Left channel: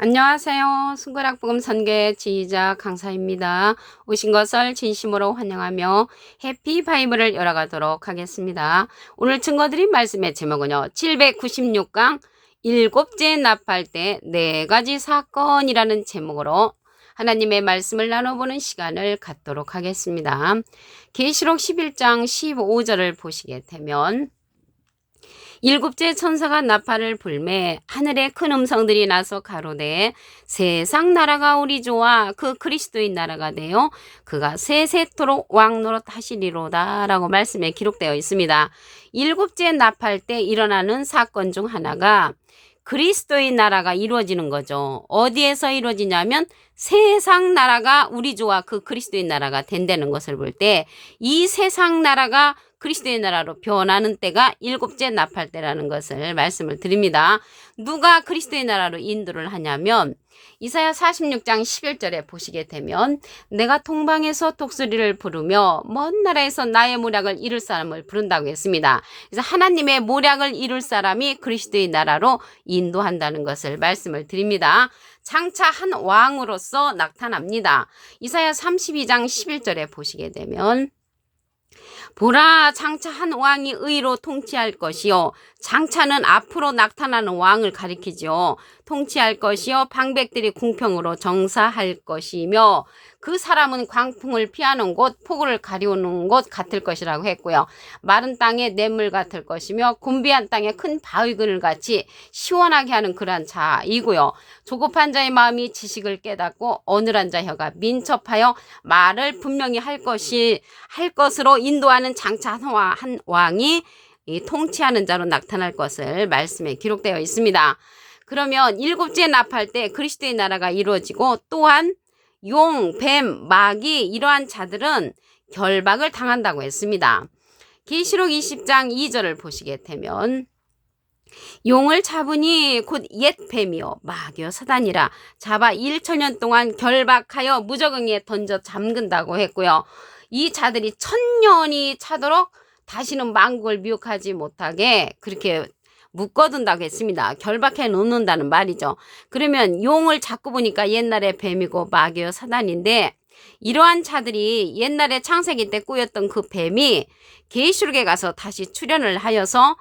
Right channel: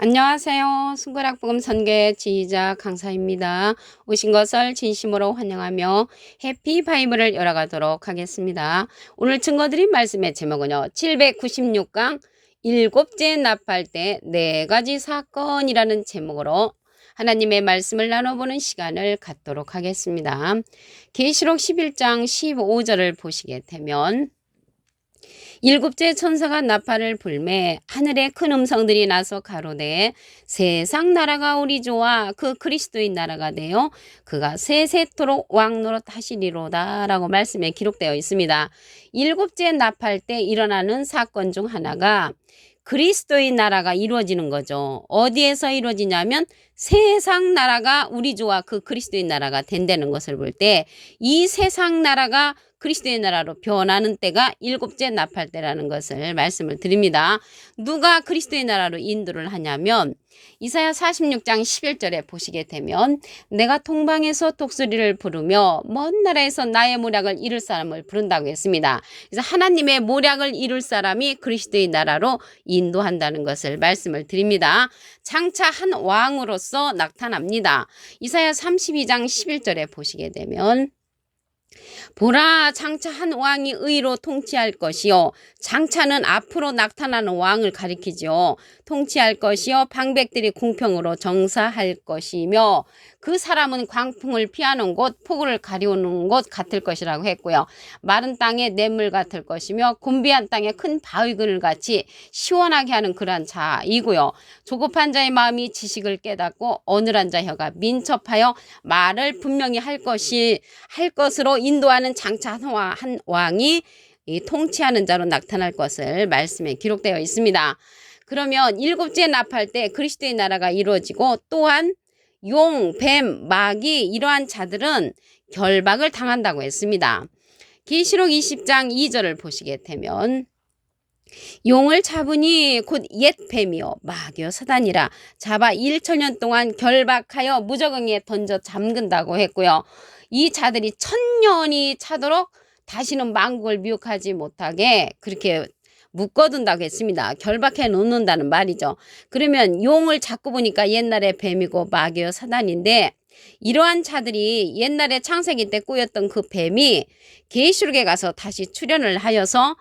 안녕하세요. 순결학복음 선교의 지휘자 강사입니다. 오신 것을 진심으로 환영하며 해피 바이블을 열어가도록 하겠습니다. 오늘 증거드린 말씀의 제목은요. 796강 일곱째 납할 때 4가지 사건이라는 제목으로 하나님의 말씀을 나눠보는 시간을 갖도록 하겠습니다. 계시록 11장 15절을 보시게 되면 일곱째 천사가 나팔을 불매 하늘에 큰 음성들이 나서 가로되 세상 나라가 우리 주와 그 그리스도의 나라가 되어 그가 세세토록 왕노릇 하시리로다 라고 말씀에 기록되어 있습니다. 일곱째 나팔 때 일어나는 사건 중 하나가 그리스도의 나라가 이루어지는 거죠. 어디에서 이루어지냐면 세상 나라가 우리 주와 그 그리스도의 나라가 된다는 것을 볼 때 이 세상 나라가 그리스도의 나라로 변하는 때가 일곱째 납할 때라는 것을 말씀을 드립니다. 누가 그리스도의 나라로 인도를 하냐면 이사야 46장 11절에 보시게 되면 내가 동방에서 독수리를 부르며 먼 나라에서 나의 모략을 이룰 사람을 부른다고 했습니다. 그래서 하나님의 모략을 이룰 사람이 그리스도의 나라로 인도한다는 것을 말씀을 드립니다. 장차 한 왕으로서 나타납니다. 이사야 32장 11절에 보시게 되면 보라 장차 한 왕이 의로 통치할 것이요 장차는 앞으로 나타나는 왕을 가리키죠. 통치할 것이요 방백들이 공평으로 정사할 것이며 그 사람은 광풍을 피하는 곳 폭우를 가리우는 곳 같을 것이라고 했고요. 마른 땅에 냇물 같을 것이며 곤비한 땅에 큰 바위그늘 같이 시원하게 하는 그러한 자이고요. 조급한 자의 마음이 지식을 깨닫고 어눌한 자 혀가 민첩하여 말을 분명히 할 것으로 인도하는 장차 한 왕이 이 통치하는 자로 나타날 것을 말씀에 기록되어 있습니다. 그러면 일곱째 납할 때 그리스도의 나라가 이루어지고 또한 용, 뱀, 마귀 이러한 자들은 결박을 당한다고 했습니다. 계시록 20장 2절을 보시게 되면 용을 잡으니 곧 옛 뱀이요 마귀요 사단이라 잡아 1천년 동안 결박하여 무저갱에 던져 잠근다고 했고요. 이 자들이 1000년이 차도록 다시는 만국을 미혹하지 못하게 그렇게 묶어둔다고 했습니다. 결박해 놓는다는 말이죠. 그러면 용을 잡고 보니까 옛날에 뱀이고 마귀요 사단인데 이러한 자들이 옛날에 창세기 때 꾸였던 그 뱀이 계시록에 가서 다시 출현을 하여서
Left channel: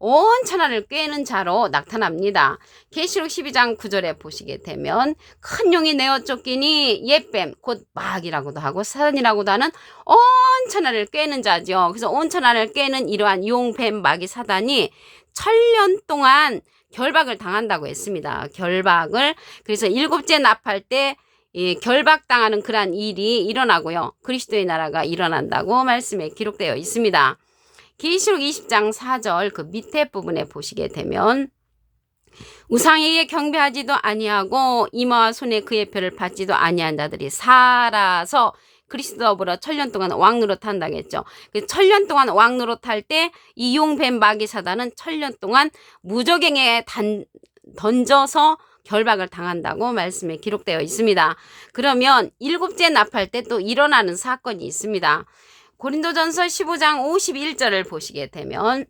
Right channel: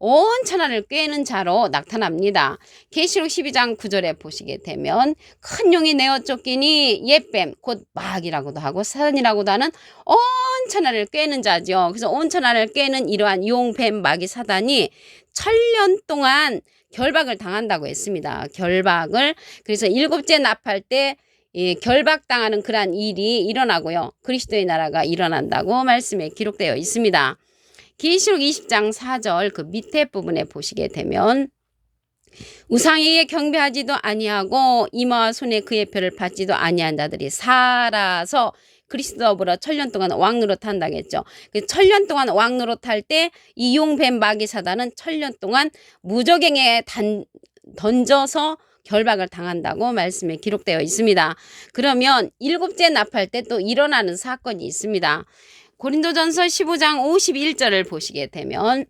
온 천하를 꿰는 자로 나타납니다. 계시록 12장 9절에 보시게 되면 큰 용이 내어 쫓기니 옛뱀 곧 마귀라고도 하고 사단이라고도 하는 온 천하를 꿰는 자죠. 그래서 온 천하를 꿰는 이러한 용, 뱀, 마귀, 사단이 1000년 동안 결박을 당한다고 했습니다. 결박을 그래서 일곱째 납할 때 결박당하는 그러한 일이 일어나고요. 그리스도의 나라가 일어난다고 말씀에 기록되어 있습니다. 계시록 20장 4절 그 밑에 부분에 보시게 되면 우상에게 경배하지도 아니하고 이마와 손에 그의 표를 받지도 아니한 자들이 살아서 그리스도보라 1000년 동안 왕노릇 한다고 했죠. 1000년 동안 왕노릇 할 때 이 용뱀 마귀 사단은 1000년 동안 무저갱에 던져서 결박을 당한다고 말씀에 기록되어 있습니다. 그러면 일곱째 납할 때 또 일어나는 사건이 있습니다. 고린도전서 15장 51절을 보시게 되면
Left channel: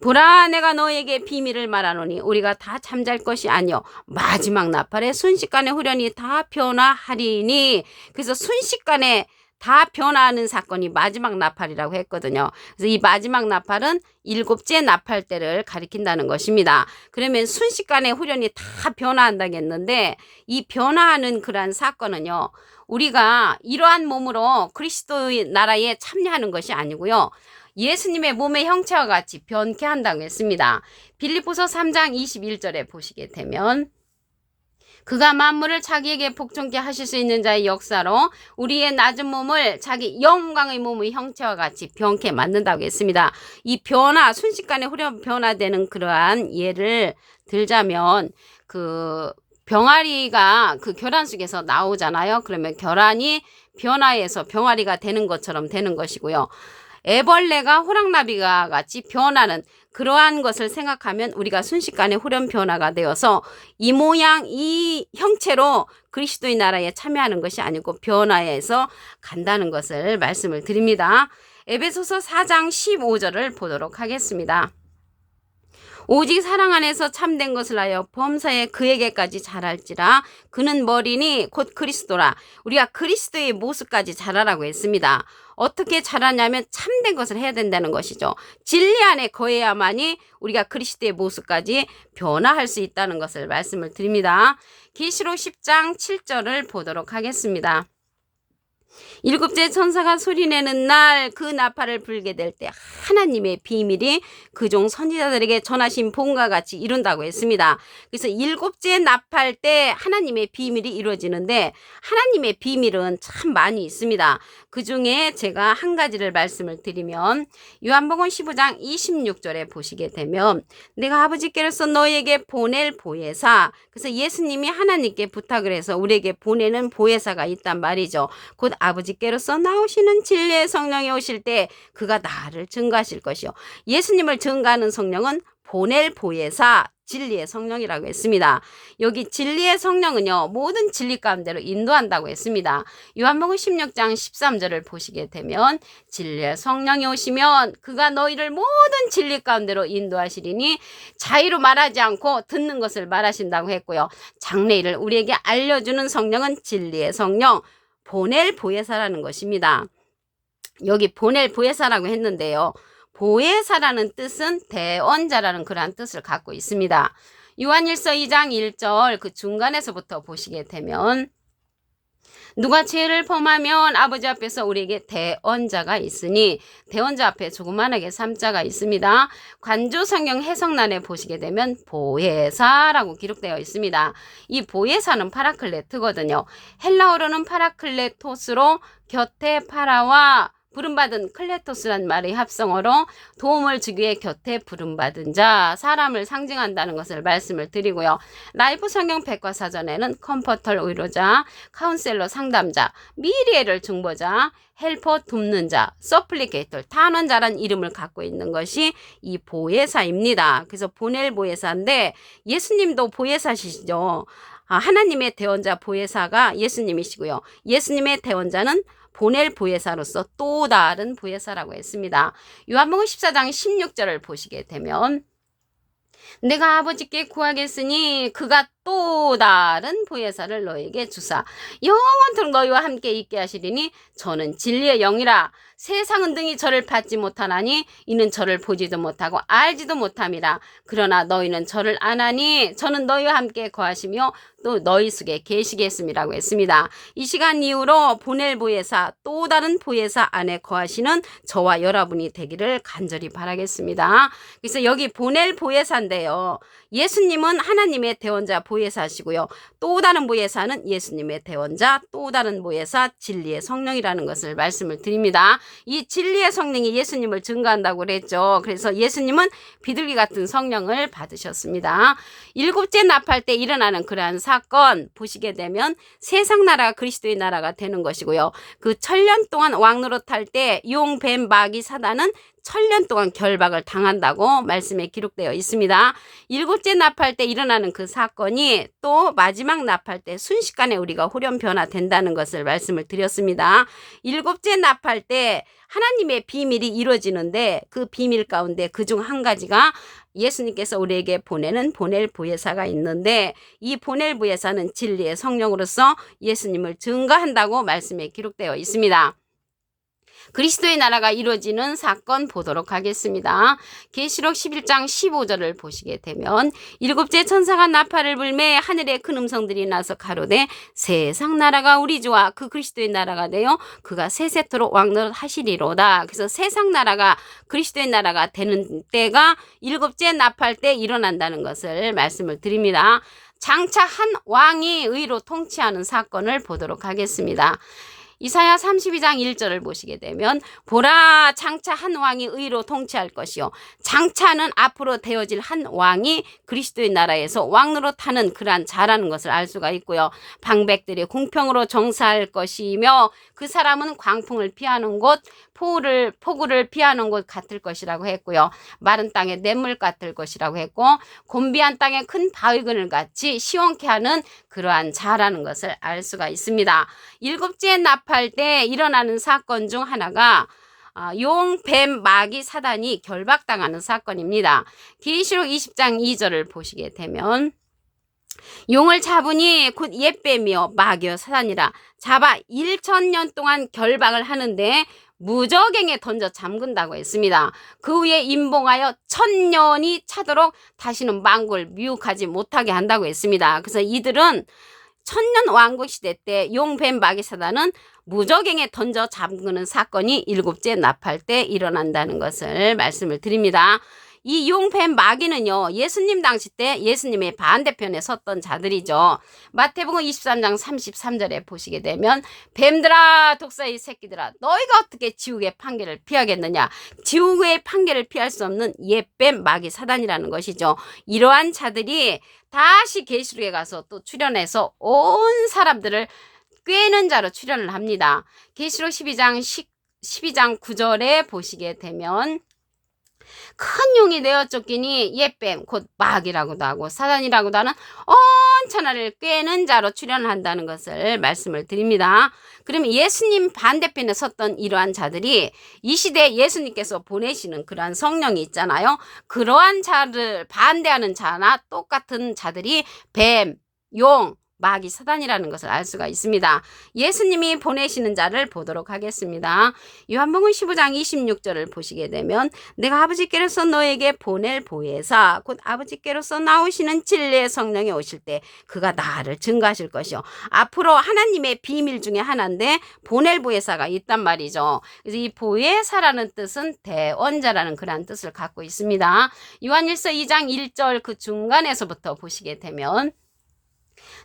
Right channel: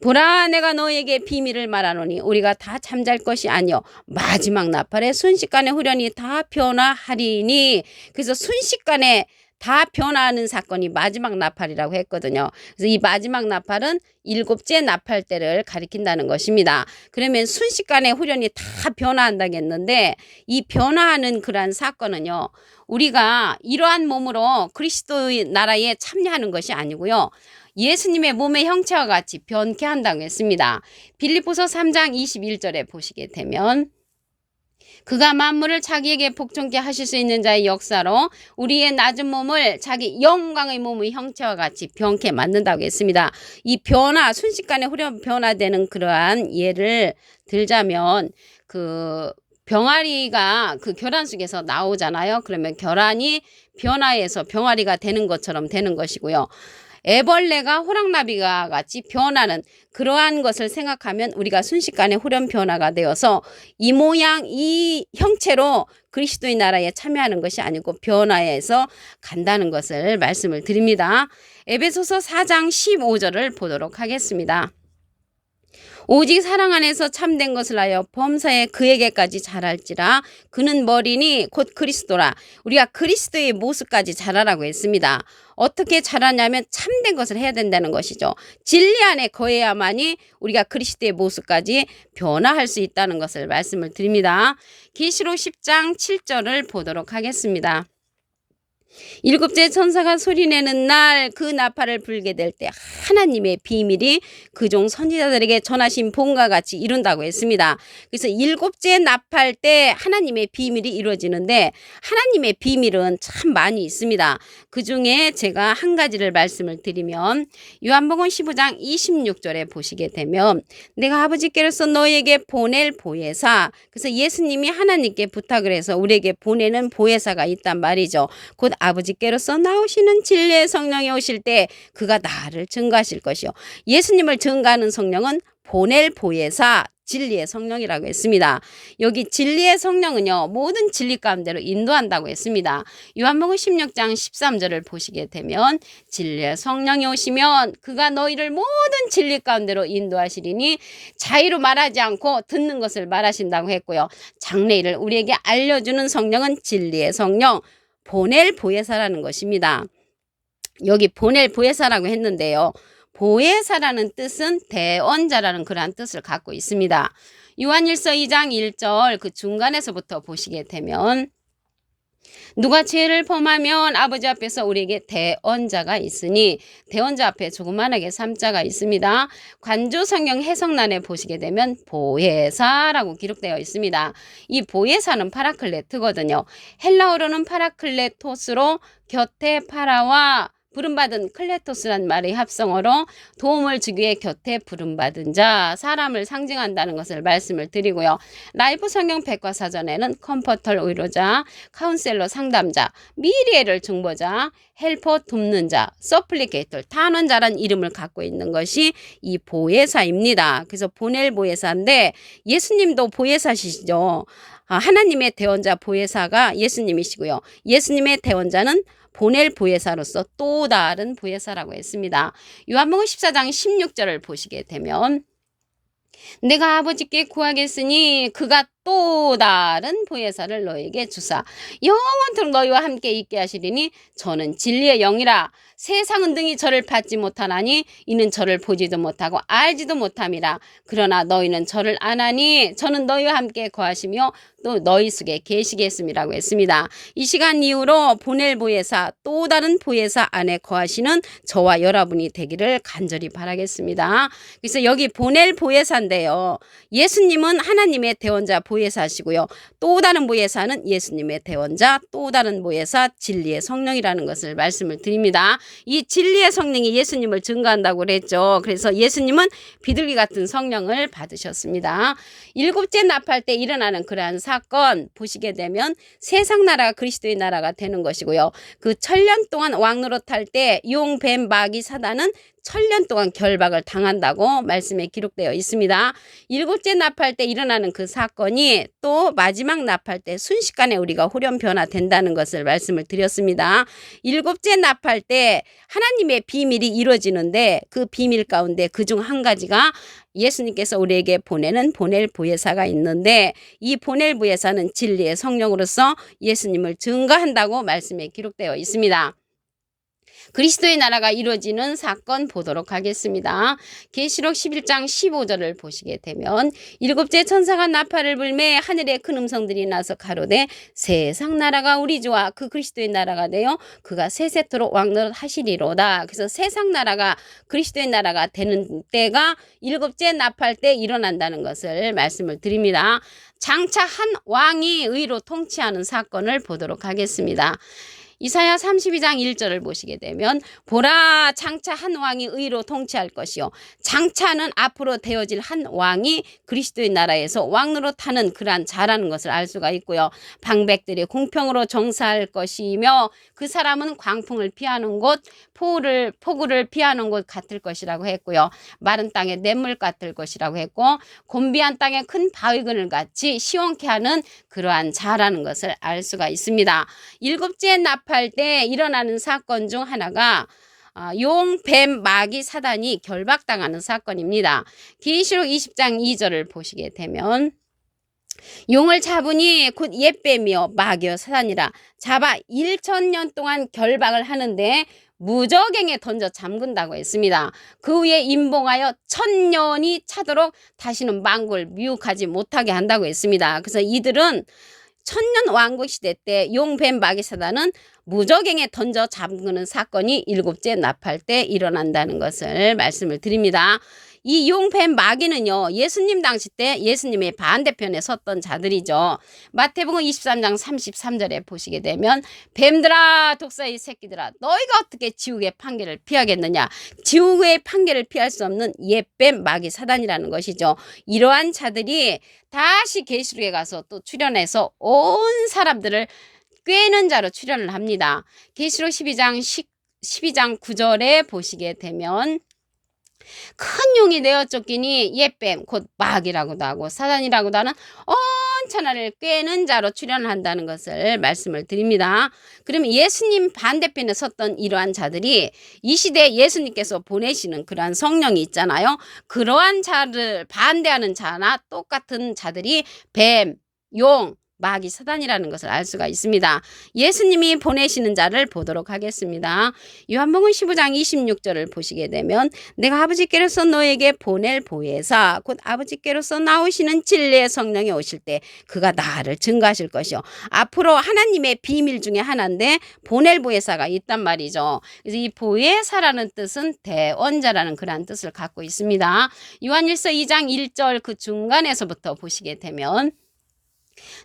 보라 내가 너에게 비밀을 말하노니 우리가 다 잠잘 것이 아니요 마지막 나팔에 순식간에 후련히 다 변화하리니 그래서 순식간에 다 변화하는 사건이 마지막 나팔이라고 했거든요. 그래서 이 마지막 나팔은 일곱째 나팔 때를 가리킨다는 것입니다. 그러면 순식간에 후련히 다 변화한다고 했는데 이 변화하는 그러한 사건은요. 우리가 이러한 몸으로 그리스도의 나라에 참여하는 것이 아니고요. 예수님의 몸의 형체와 같이 변케 한다고 했습니다. 빌립보서 3장 21절에 보시게 되면 그가 만물을 자기에게 복종케 하실 수 있는 자의 역사로 우리의 낮은 몸을 자기 영광의 몸의 형체와 같이 변케 만든다고 했습니다. 이 변화, 순식간에 후련 변화되는 그러한 예를 들자면 그 병아리가 그 결안 속에서 나오잖아요. 그러면 결안이 변화해서 병아리가 되는 것처럼 되는 것이고요. 애벌레가 호랑나비가 같이 변하는 그러한 것을 생각하면 우리가 순식간에 후련 변화가 되어서 이 모양 이 형체로 그리스도의 나라에 참여하는 것이 아니고 변화해서 간다는 것을 말씀을 드립니다. 에베소서 4장 15절을 보도록 하겠습니다. 오직 사랑 안에서 참된 것을 하여 범사에 그에게까지 자랄지라. 그는 머리니 곧 그리스도라. 우리가 그리스도의 모습까지 자라라고 했습니다. 어떻게 자라냐면 참된 것을 해야 된다는 것이죠. 진리 안에 거해야만이 우리가 그리스도의 모습까지 변화할 수 있다는 것을 말씀을 드립니다. 계시록 10장 7절을 보도록 하겠습니다. 일곱째 천사가 소리내는 날 그 나팔을 불게 될 때 하나님의 비밀이 그종 선지자들에게 전하신 본과 같이 이룬다고 했습니다. 그래서 일곱째 나팔 때 하나님의 비밀이 이루어지는데 하나님의 비밀은 참 많이 있습니다. 그 중에 제가 한 가지를 말씀을 드리면 요한복음 15장 26절에 보시게 되면 내가 아버지께로서 너희에게 보낼 보혜사, 그래서 예수님이 하나님께 부탁을 해서 우리에게 보내는 보혜사가 있단 말이죠. 곧 아버지께로서 나오시는 진리의 성령이 오실 때 그가 나를 증거하실 것이요. 예수님을 증거하는 성령은 보낼 보혜사, 진리의 성령이라고 했습니다. 여기 진리의 성령은요, 모든 진리 가운데로 인도한다고 했습니다. 요한복음 16장 13절을 보시게 되면 진리의 성령이 오시면 그가 너희를 모든 진리 가운데로 인도하시리니 자의로 말하지 않고 듣는 것을 말하신다고 했고요. 장래일을 우리에게 알려주는 성령은 진리의 성령, 보낼 보혜사라는 것입니다. 여기 보낼 보혜사라고 했는데요. 보혜사라는 뜻은 대언자라는 그러한 뜻을 갖고 있습니다. 요한일서 2장 1절 그 중간에서부터 보시게 되면 누가 죄를 범하면 아버지 앞에서 우리에게 대언자가 있으니, 대언자 앞에 조그만하게 3자가 있습니다. 관조 성경 해석란에 보시게 되면 보혜사라고 기록되어 있습니다. 이 보혜사는 파라클레트거든요. 헬라어로는 파라클레토스로 곁에 파라와 부름받은 클레토스란 말의 합성어로 도움을 주기 위해 곁에 부름받은 자, 사람을 상징한다는 것을 말씀을 드리고요. 라이프 성경 백과사전에는 컴포터 의료자, 카운셀러 상담자, 미리에를 중보자, 헬퍼 돕는 자, 서플리케이터 탄원자란 이름을 갖고 있는 것이 이 보혜사입니다. 그래서 보낼 보혜사인데 예수님도 보혜사시죠. 하나님의 대언자 보혜사가 예수님이시고요. 예수님의 대언자는 보낼 보혜사로서 또 다른 보혜사라고 했습니다. 요한복음 14장 16절을 보시게 되면 내가 아버지께 구하겠으니 그가 또 다른 보혜사를 너에게 주사 영원토록 너희와 함께 있게 하시리니 저는 진리의 영이라. 세상은 등이 저를 받지 못하나니 이는 저를 보지도 못하고 알지도 못함이라. 그러나 너희는 저를 아나니 저는 너희와 함께 거하시며 또 너희 속에 계시겠음이라고 했습니다. 이 시간 이후로 보낼 보혜사, 또 다른 보혜사 안에 거하시는 저와 여러분이 되기를 간절히 바라겠습니다. 그래서 여기 보낼 보혜사인데요. 예수님은 하나님의 대언자 보혜사시고요. 또 다른 보혜사는 예수님의 대언자, 또 다른 보혜사 진리의 성령이라는 것을 말씀을 드립니다. 이 진리의 성령이 예수님을 증거한다고 그랬죠. 그래서 예수님은 비둘기 같은 성령을 받으셨습니다. 일곱째 나팔 때 일어나는 그러한 사건 보시게 되면 세상 나라가 그리스도의 나라가 되는 것이고요. 그 1000년 동안 왕노릇할 때 용, 뱀, 마귀, 사단은 1000년 동안 결박을 당한다고 말씀에 기록되어 있습니다. 일곱째 나팔 때 일어나는 그 사건이 또 마지막 나팔 때 순식간에 우리가 호련 변화된다는 것을 말씀을 드렸습니다. 일곱째 나팔 때 하나님의 비밀이 이루어지는데 그 비밀 가운데 그중 한 가지가 예수님께서 우리에게 보내는 보낼 보혜사가 있는데 이 보낼 보혜사는 진리의 성령으로서 예수님을 증거한다고 말씀에 기록되어 있습니다. 그리스도의 나라가 이루어지는 사건 보도록 하겠습니다. 계시록 11장 15절을 보시게 되면 일곱째 천사가 나팔을 불매 하늘에 큰 음성들이 나서 가로되 세상 나라가 우리 주와 그 그리스도의 나라가 되어 그가 세세토록 왕노릇 하시리로다. 그래서 세상 나라가 그리스도의 나라가 되는 때가 일곱째 나팔 때 일어난다는 것을 말씀을 드립니다. 장차 한 왕이 의로 통치하는 사건을 보도록 하겠습니다. 이사야 32장 1절을 보시게 되면 보라 장차 한 왕이 의로 통치할 것이요. 장차는 앞으로 되어질 한 왕이 그리스도의 나라에서 왕노릇하는 그러한 자라는 것을 알 수가 있고요. 방백들이 공평으로 정사할 것이며 그 사람은 광풍을 피하는 곳, 폭우를 피하는 곳 같을 것이라고 했고요. 마른 땅에 냇물 같을 것이라고 했고 곤비한 땅에 큰 바위근을 같이 시원케 하는 그러한 자라는 것을 알 수가 있습니다. 일곱째 나팔 때 일어나는 사건 중 하나가 용, 뱀, 마귀, 사단이 결박당하는 사건입니다. 계시록 20장 2절을 보시게 되면 용을 잡으니 곧 옛뱀이요 마귀요 사단이라 잡아 1000년 동안 결박을 하는데 무저갱에 던져 잠근다고 했습니다. 그 후에 임봉하여 1000년이 차도록 다시는 만국을 미혹하지 못하게 한다고 했습니다. 그래서 이들은 1000년 왕국 시대 때 용, 뱀, 마귀, 사단은 무저갱에 던져 잠그는 사건이 7째 나팔 때 일어난다는 것을 말씀을 드립니다. 이 용, 뱀, 마귀는요 예수님 당시 때 예수님의 반대편에 섰던 자들이죠. 마태복음 23장 33절에 보시게 되면 뱀들아 독사의 새끼들아 너희가 어떻게 지옥의 판결을 피하겠느냐. 지옥의 판결을 피할 수 없는 옛뱀, 마귀, 사단이라는 것이죠. 이러한 자들이 다시 계시록에 가서 또 출현해서 온 사람들을 꿰는 자로 출현을 합니다. 계시록 12장 9절에 보시게 되면 큰 용이 내어 쫓기니 옛뱀 곧 마귀라고도 하고 사단이라고도 하는 온 천하를 꿰는 자로 출현을 한다는 것을 말씀을 드립니다. 그러면 예수님 반대편에 섰던 이러한 자들이 이 시대에 예수님께서 보내시는 그러한 성령이 있잖아요. 그러한 자를 반대하는 자나 똑같은 자들이 뱀, 용, 마귀, 사단이라는 것을 알 수가 있습니다. 예수님이 보내시는 자를 보도록 하겠습니다. 요한복음 15장 26절을 보시게 되면 내가 아버지께로서 너에게 보낼 보혜사 곧 아버지께로서 나오시는 진리의 성령이 오실 때 그가 나를 증거하실 것이요. 앞으로 하나님의 비밀 중에 하나인데 보낼 보혜사가 있단 말이죠. 그래서 이 보혜사라는 뜻은 대언자라는 그러한 뜻을 갖고 있습니다. 요한일서 2장 1절 그 중간에서부터 보시게 되면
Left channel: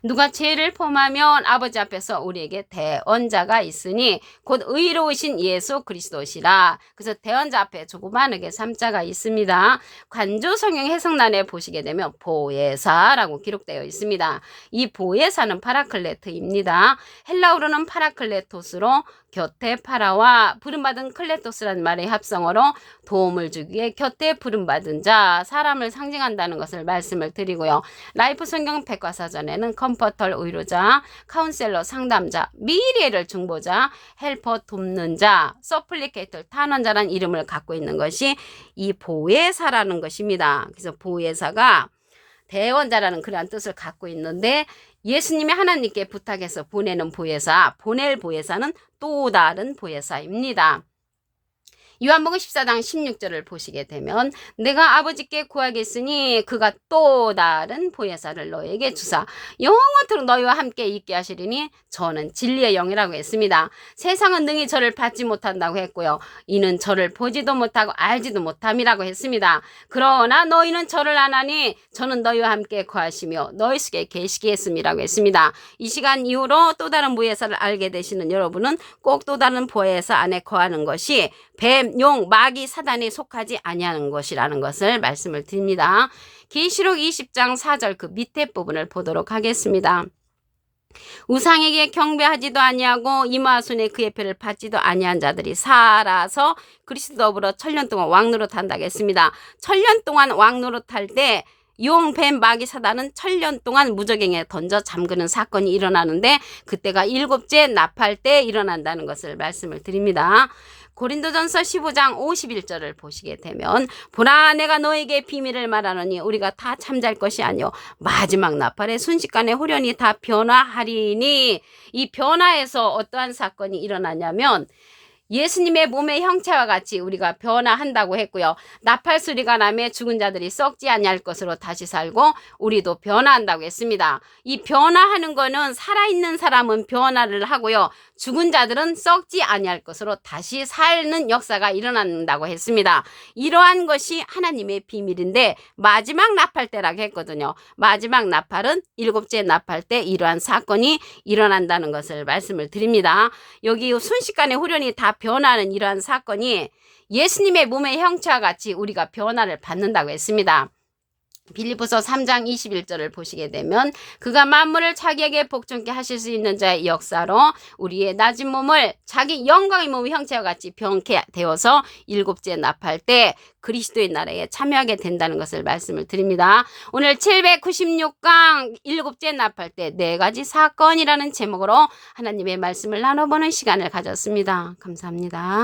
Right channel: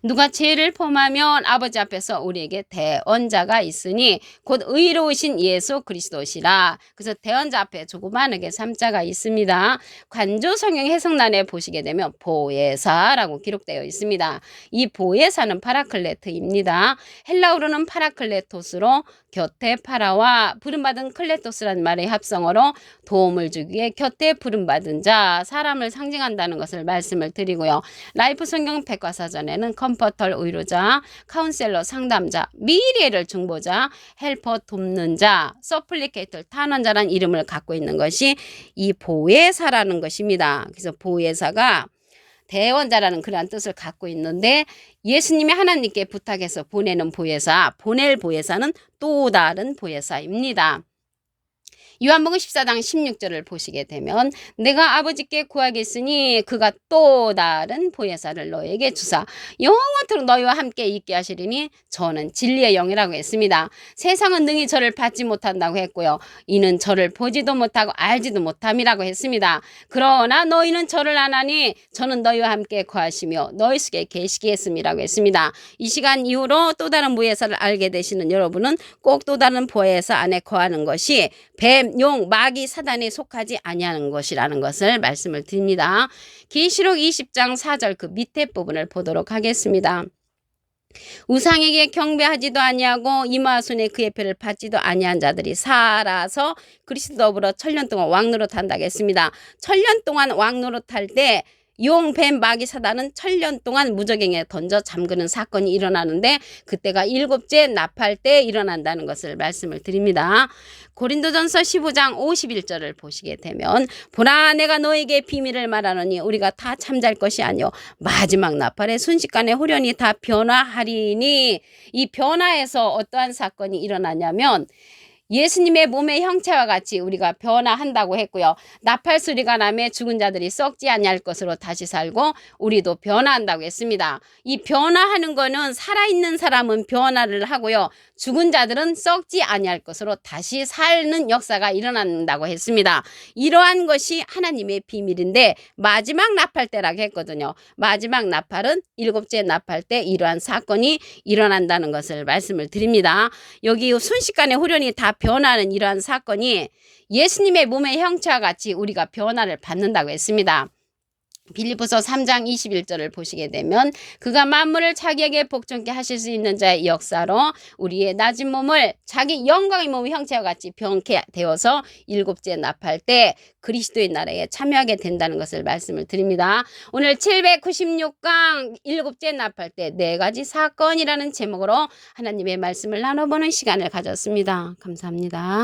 누가 죄를 범하면 아버지 앞에서 우리에게 대언자가 있으니 곧 의로우신 예수 그리스도시라. 그래서 대언자 앞에 조그마하게 삼자가 있습니다. 관조 성경 해석란에 보시게 되면 보혜사라고 기록되어 있습니다. 이 보혜사는 파라클레트입니다. 헬라어로는 파라클레토스로 곁에 파라와 부름받은 클레토스라는 말의 합성어로 도움을 주기 위해 곁에 부름받은 자, 사람을 상징한다는 것을 말씀을 드리고요. 라이프 성경 백과사전에는 컴포터 의료자, 카운셀러 상담자, 미래를 중보자, 헬퍼 돕는 자, 서플리케이터 탄원자라는 이름을 갖고 있는 것이 이 보혜사라는 것입니다. 그래서 보혜사가 대원자라는 그러한 뜻을 갖고 있는데 예수님이 하나님께 부탁해서 보내는 보혜사, 보낼 보혜사는 또 다른 보혜사입니다. 요한복음 14장 16절을 보시게 되면 내가 아버지께 구하겠으니 그가 또 다른 보혜사를 너에게 주사 영원토록 너희와 함께 있게 하시리니 저는 진리의 영이라고 했습니다. 세상은 능히 저를 받지 못한다고 했고요. 이는 저를 보지도 못하고 알지도 못함이라고 했습니다. 그러나 너희는 저를 아나니 저는 너희와 함께 거하시며 너희 속에 계시겠음이라고 했습니다. 이 시간 이후로 또 다른 보혜사를 알게 되시는 여러분은 꼭 또 다른 보혜사 안에 거하는 것이 뱀, 용, 마귀, 사단에 속하지 아니하는 것이라는 것을 말씀을 드립니다. 계시록 20장 4절 그 밑에 부분을 보도록 하겠습니다. 우상에게 경배하지도 아니하고 이마손에 그의 표를 받지도 아니한 자들이 살아서 그리스도 더불어 1000년 동안 왕노릇 한다고 했습니다. 1000년 동안 왕노릇 할 때 용, 뱀, 마귀, 사단은 1000년 동안 무저갱에 던져 잠그는 사건이 일어나는데 그때가 7째 나팔 때 일어난다는 것을 말씀을 드립니다. 고린도전서 15장 51절을 보시게 되면 보라 내가 너에게 비밀을 말하노니 우리가 다 잠잘 것이 아니요 마지막 나팔에 순식간에 후련히 다 변화하리니 이 변화에서 어떠한 사건이 일어나냐면 예수님의 몸의 형체와 같이 우리가 변화한다고 했고요. 나팔 소리가 나며 죽은 자들이 썩지 아니할 것으로 다시 살고 우리도 변화한다고 했습니다. 이 변화하는 거는 살아있는 사람은 변화를 하고요. 죽은 자들은 썩지 아니할 것으로 다시 사는 역사가 일어난다고 했습니다. 이러한 것이 하나님의 비밀인데 마지막 나팔 때라고 했거든요. 마지막 나팔은 7째 나팔 때 이러한 사건이 일어난다는 것을 말씀을 드립니다. 여기 순식간에 후련히 다 변하는 이러한 사건이 예수님의 몸의 형체와 같이 우리가 변화를 받는다고 했습니다. 빌립보서 3장 21절을 보시게 되면 그가 만물을 자기에게 복종케 하실 수 있는 자의 역사로 우리의 낮은 몸을 자기 영광의 몸의 형체와 같이 변케 되어서 7째 나팔 때 그리스도의 나라에 참여하게 된다는 것을 말씀을 드립니다. 오늘 796강 7째 나팔 때 4가지 사건이라는 제목으로 하나님의 말씀을 나눠보는 시간을 가졌습니다. 감사합니다.